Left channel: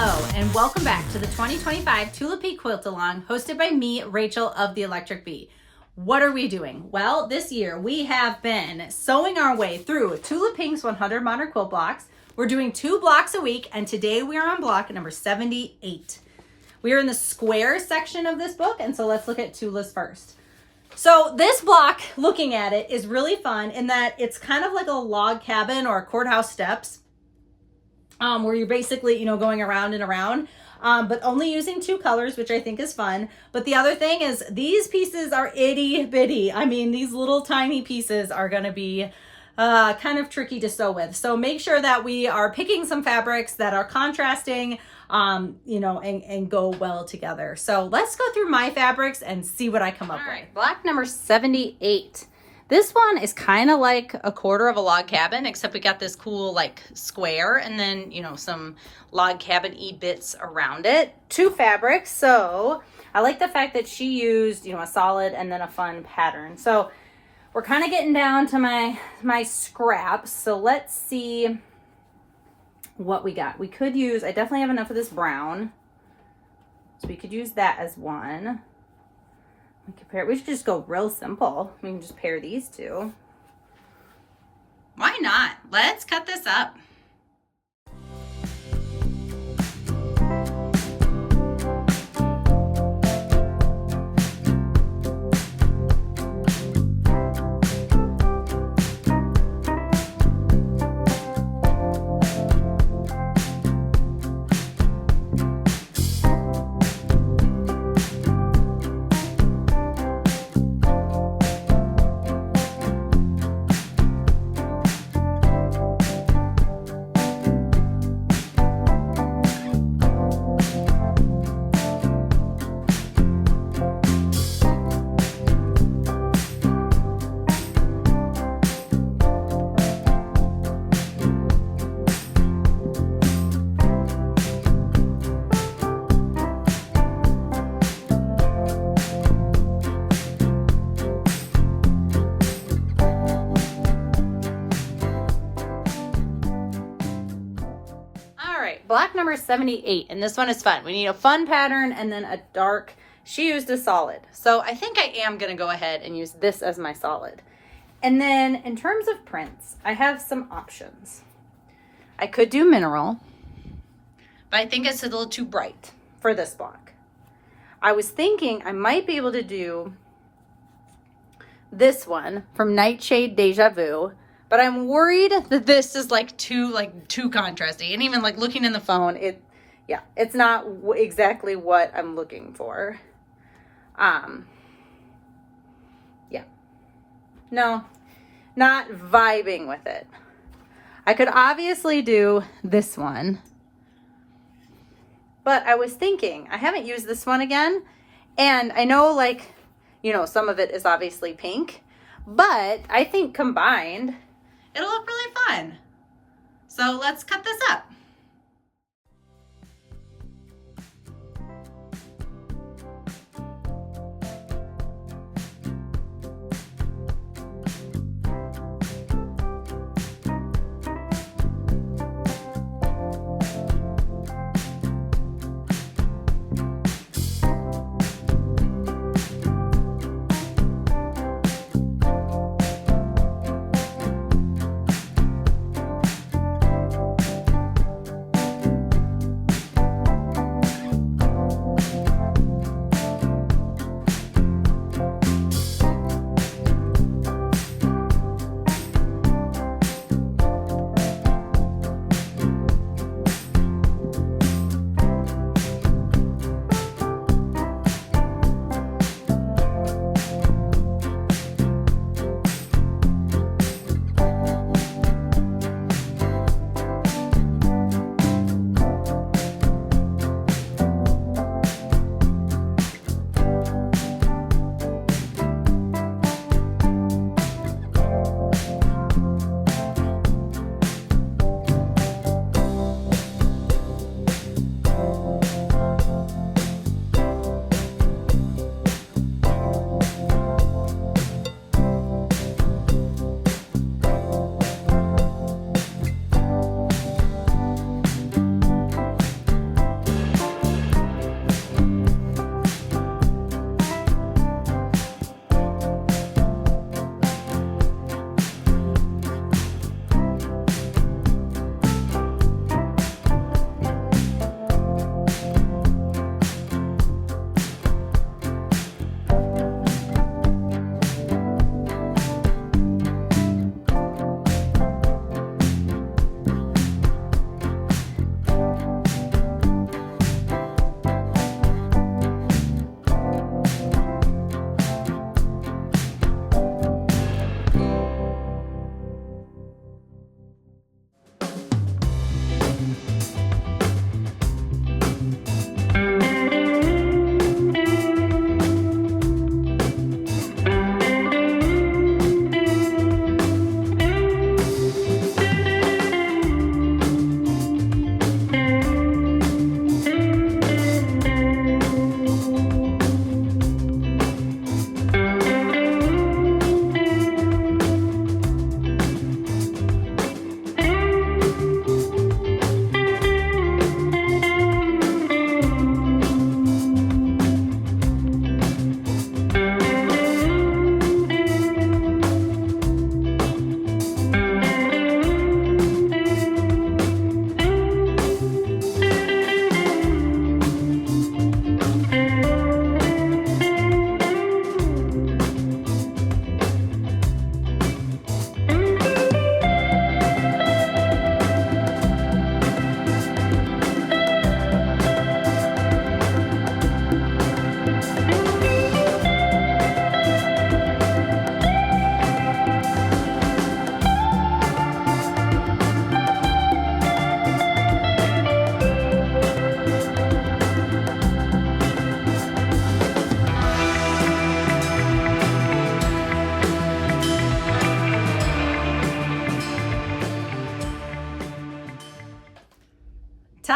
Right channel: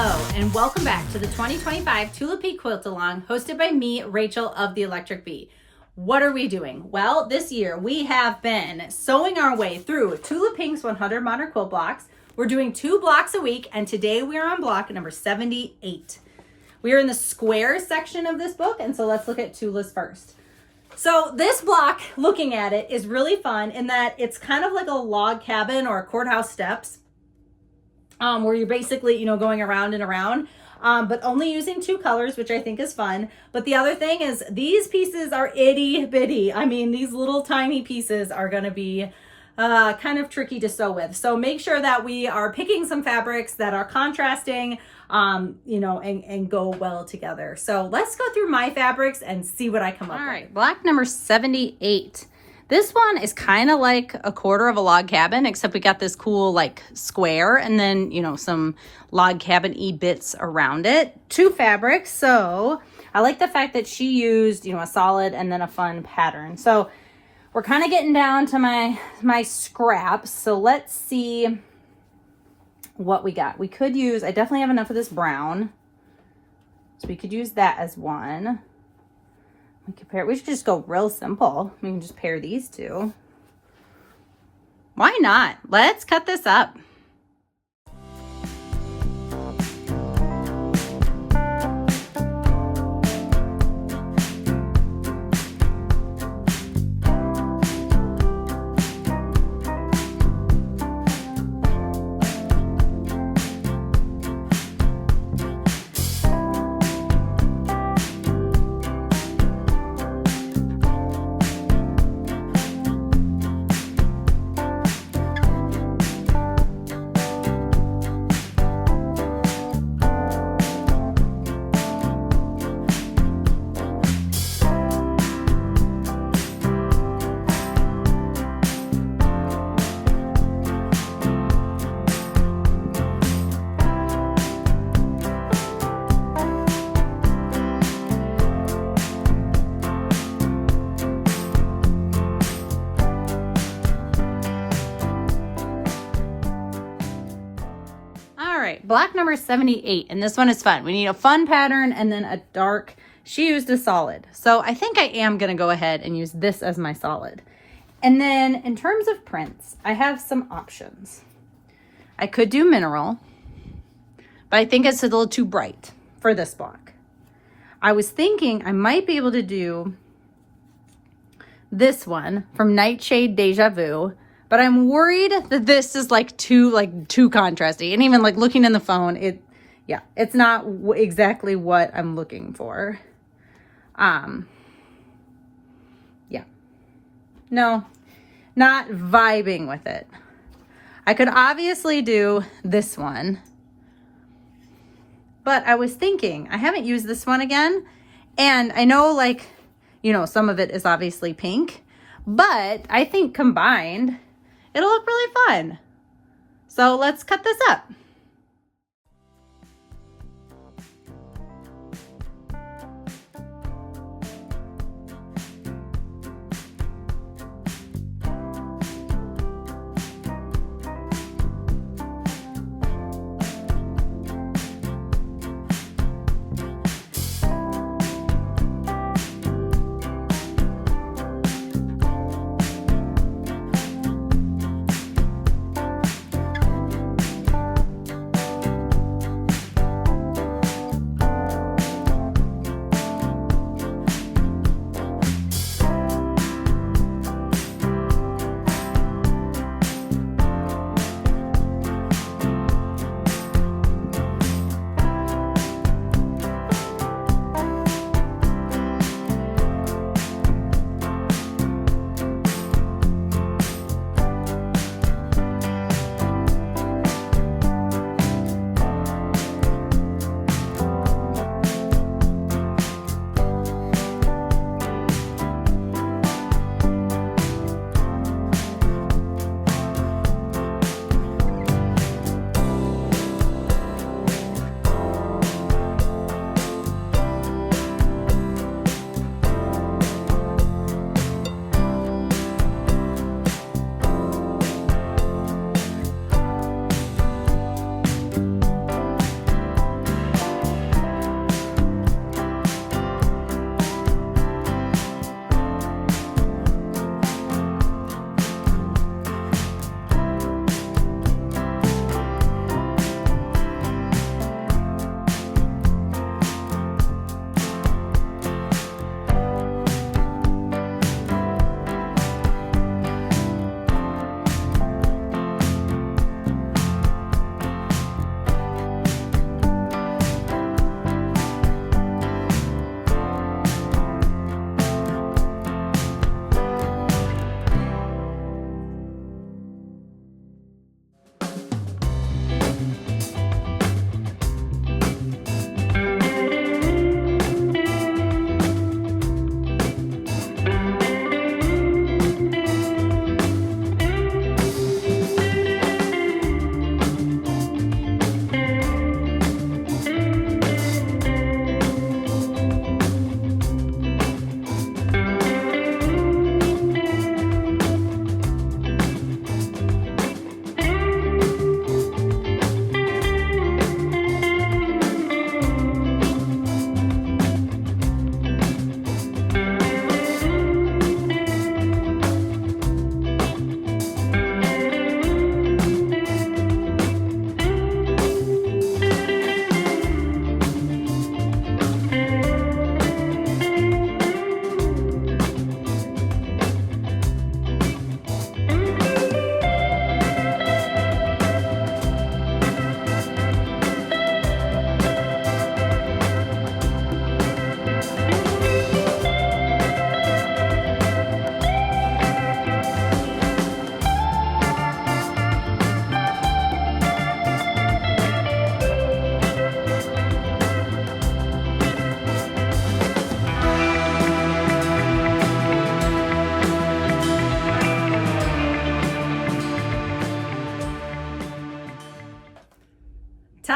Hello, and welcome back to the 2025 Tula Quilt Along, hosted by me, Rachel of the Electric Bee. What are we doing? Well, this year we have been sewing our way through Tula Pink's 100 Modern Quilt blocks. We're doing 2 blocks a week, and today we are on block number 78. We are in the square section of this book, and so let's look at Tula's first. So this block, looking at it, is really fun in that it's kind of like a log cabin or courthouse steps. Where you're basically, going around and around, but only using 2 colors, which I think is fun. But the other thing is these pieces are itty bitty. I mean, these little tiny pieces are going to be kind of tricky to sew with. So make sure that we are picking some fabrics that are contrasting, and go well together. So let's go through my fabrics and see what I come up with. Block number 78. This one is kind of like a quarter of a log cabin, except we got this cool like square and then, some log cabin-y bits around it. 2 fabrics. So I like the fact that she used, a solid and then a fun pattern. So we're kind of getting down to my scraps. So let's see what we got. We could use, I definitely have enough of this brown. So we could use that as one. We should just go real simple. We can just pair these 2. Why not? Let's cut this up. Block number 78, and this one is fun. We need a fun pattern and then a dark. She used a solid. So I think I am going to go ahead and use this as my solid. And then in terms of prints, I have some options. I could do mineral, but I think it's a little too bright for this block. I was thinking I might be able to do this one from Nightshade Deja Vu. But I'm worried that this is too contrasty. And even looking in the phone, it's not exactly what I'm looking for. No, not vibing with it. I could obviously do this one. But I was thinking, I haven't used this one again. And I know some of it is obviously pink. But I think combined, it'll look really fun. So let's cut this up.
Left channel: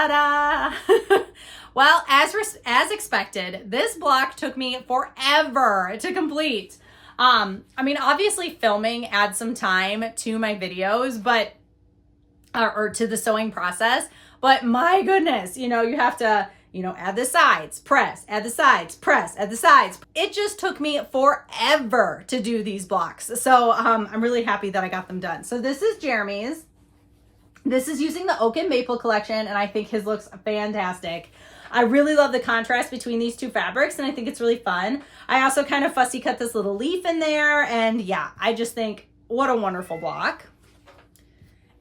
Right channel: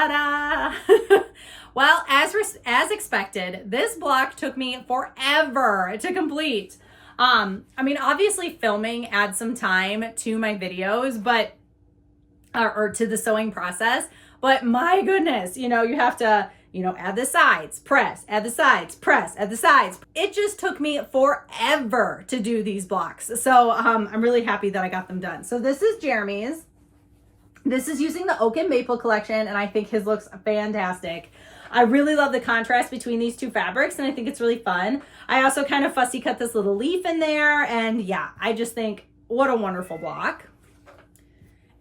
Ta-da! Well, as expected, this block took me forever to complete. I mean, obviously filming adds some time to my videos, but or to the sewing process, but my goodness, you have to, add the sides, press, add the sides, press, add the sides. It just took me forever to do these blocks. So I'm really happy that I got them done. So this is Jeremy's. This is using the Oak and Maple collection, and I think his looks fantastic. I really love the contrast between these two fabrics, and I think it's really fun. I also kind of fussy cut this little leaf in there, and yeah, I just think what a wonderful block.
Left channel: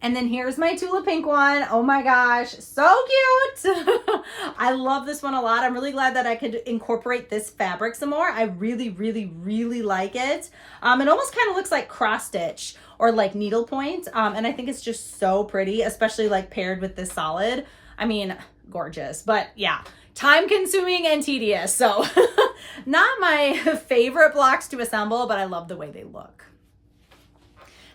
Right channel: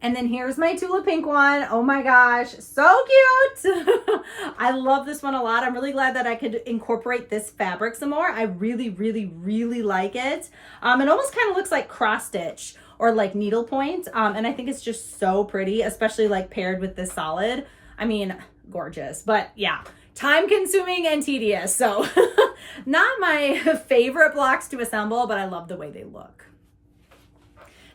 And then here's my Tula pink one. Oh my gosh, so cute. I love this one a lot. I'm really glad that I could incorporate this fabric some more. I really, really, really like it. It almost kind of looks like cross stitch or like needlepoint. And I think it's just so pretty, especially like paired with this solid. I mean, gorgeous, but yeah, time consuming and tedious. So not my favorite blocks to assemble, but I love the way they look.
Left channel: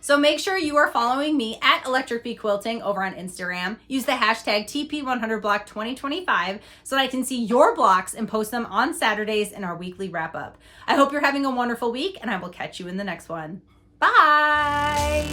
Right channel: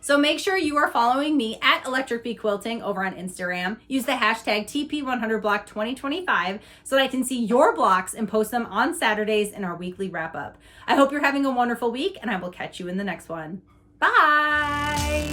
So make sure you are following me at Electric Bee Quilting over on Instagram. Use the hashtag TP100Block2025 so that I can see your blocks and post them on Saturdays in our weekly wrap up. I hope you're having a wonderful week, and I will catch you in the next one. Bye.